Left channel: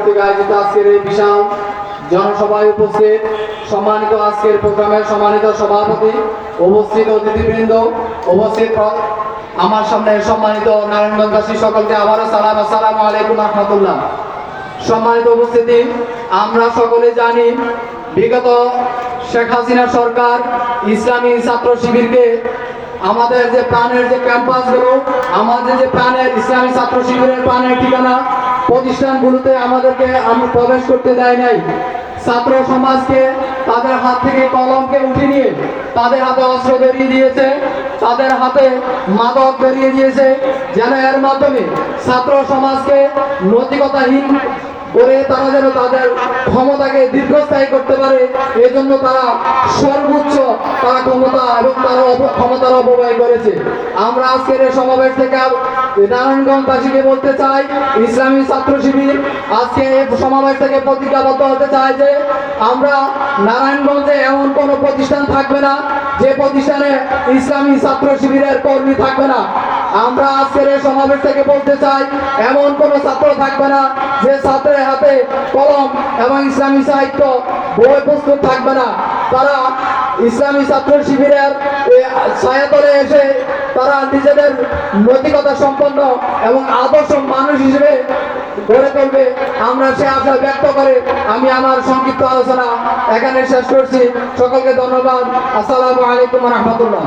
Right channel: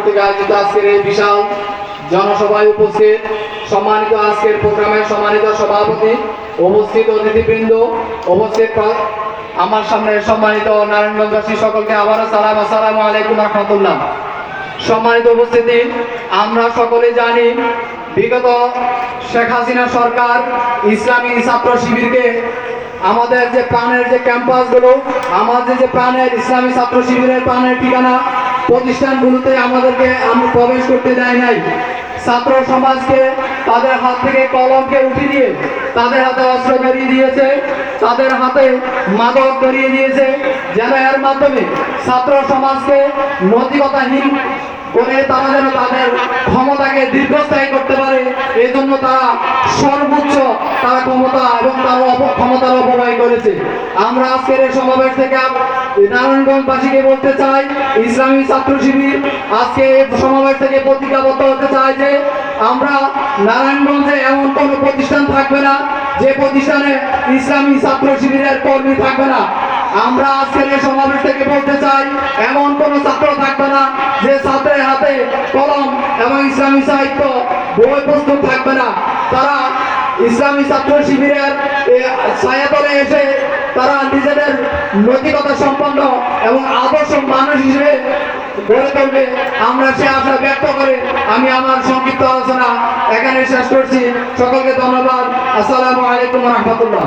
আয়োজিত আজকের এই বিশাল জনসভায় উপস্থিত সম্মানিত আজকের প্রোগ্রামের সম্মানিত সভাপতি, উপস্থিত অতিথিবৃন্দ, উপস্থিত আমার সামনে সম্মানিত নারায়ণগঞ্জবাসী সকলকে আবারও সালাম আসসালামু আলাইকুম রহমতুল্লাহ। সম্মানিত উপস্থিতি, আমরা সকলে জানি বিগত শেখ হাসিনা সরকার ইসলামী ছাত্র শিবিরকে আমাদের যে প্রাণের যে ক্যাম্পাসগুলো, আমাদের যে প্রাণের ইসলামী ছাত্র শিবিরের প্রাণের ঠিকানা প্রতিষ্ঠানগুলোতে আমাদেরকে আমি প্রবেশ করতে দেয় নাই। ছাত্র সমাজকে তাদের হাত থেকে কলমকে উঠে নিয়ে তাদের হাতে অস্ত্র ধরিয়ে দিয়েছে, তাদের হাতে মাদক ধরিয়ে দিয়েছে, যেন এর মাধ্যমে ছাত্র সমাজকে নৈতিকতাহীন করে তারা যেন তাদের ক্ষমতাকে দীর্ঘস্থায়ী করতে পারে। এই জন্য তারা সর্বোচ্চ তারা ক্ষমতা এবং তার ক্ষমতার করেছে। আমরা আজকের এই সমাবেশ থেকে নারায়ণগঞ্জবাসীকে বলতে চাই, ইসলামী ছাত্র শিবির আজকে এই সমাবেশ থেকে প্রতিজ্ঞাবদ্ধ হতে চাই যে আমরা নারায়ণগঞ্জে এমন কোনো প্রতিষ্ঠান থাকবে না, যে প্রতিষ্ঠানে ইসলামী ছাত্র শিবিরের কর্মী থাকবে না। আমরা আজকের এই সমাবেশ থেকে বলতে চাই, এমন কোন ছাত্র থাকবে না, যে ছাত্রের হাতে কলম এবং ইসলামী সাহিত্য বই প্রস্তুত থাকবে না। তারা ইসলামী ছাত্র শিবিরের ছায়াতলে এসে তারা নিজেদের নৈতিকতা সম্পন্ন এবং আদর্শ মানুষ হিসেবে গড়ে তুলবে। আমরা সে আশা ব্যক্ত করে আমি আমার সংক্ষিপ্ত আলোচনা এখানে শেষ করছি। সকলকে ধন্যবাদ। আসসালামু আলাইকুম রহমতুল্লাহ।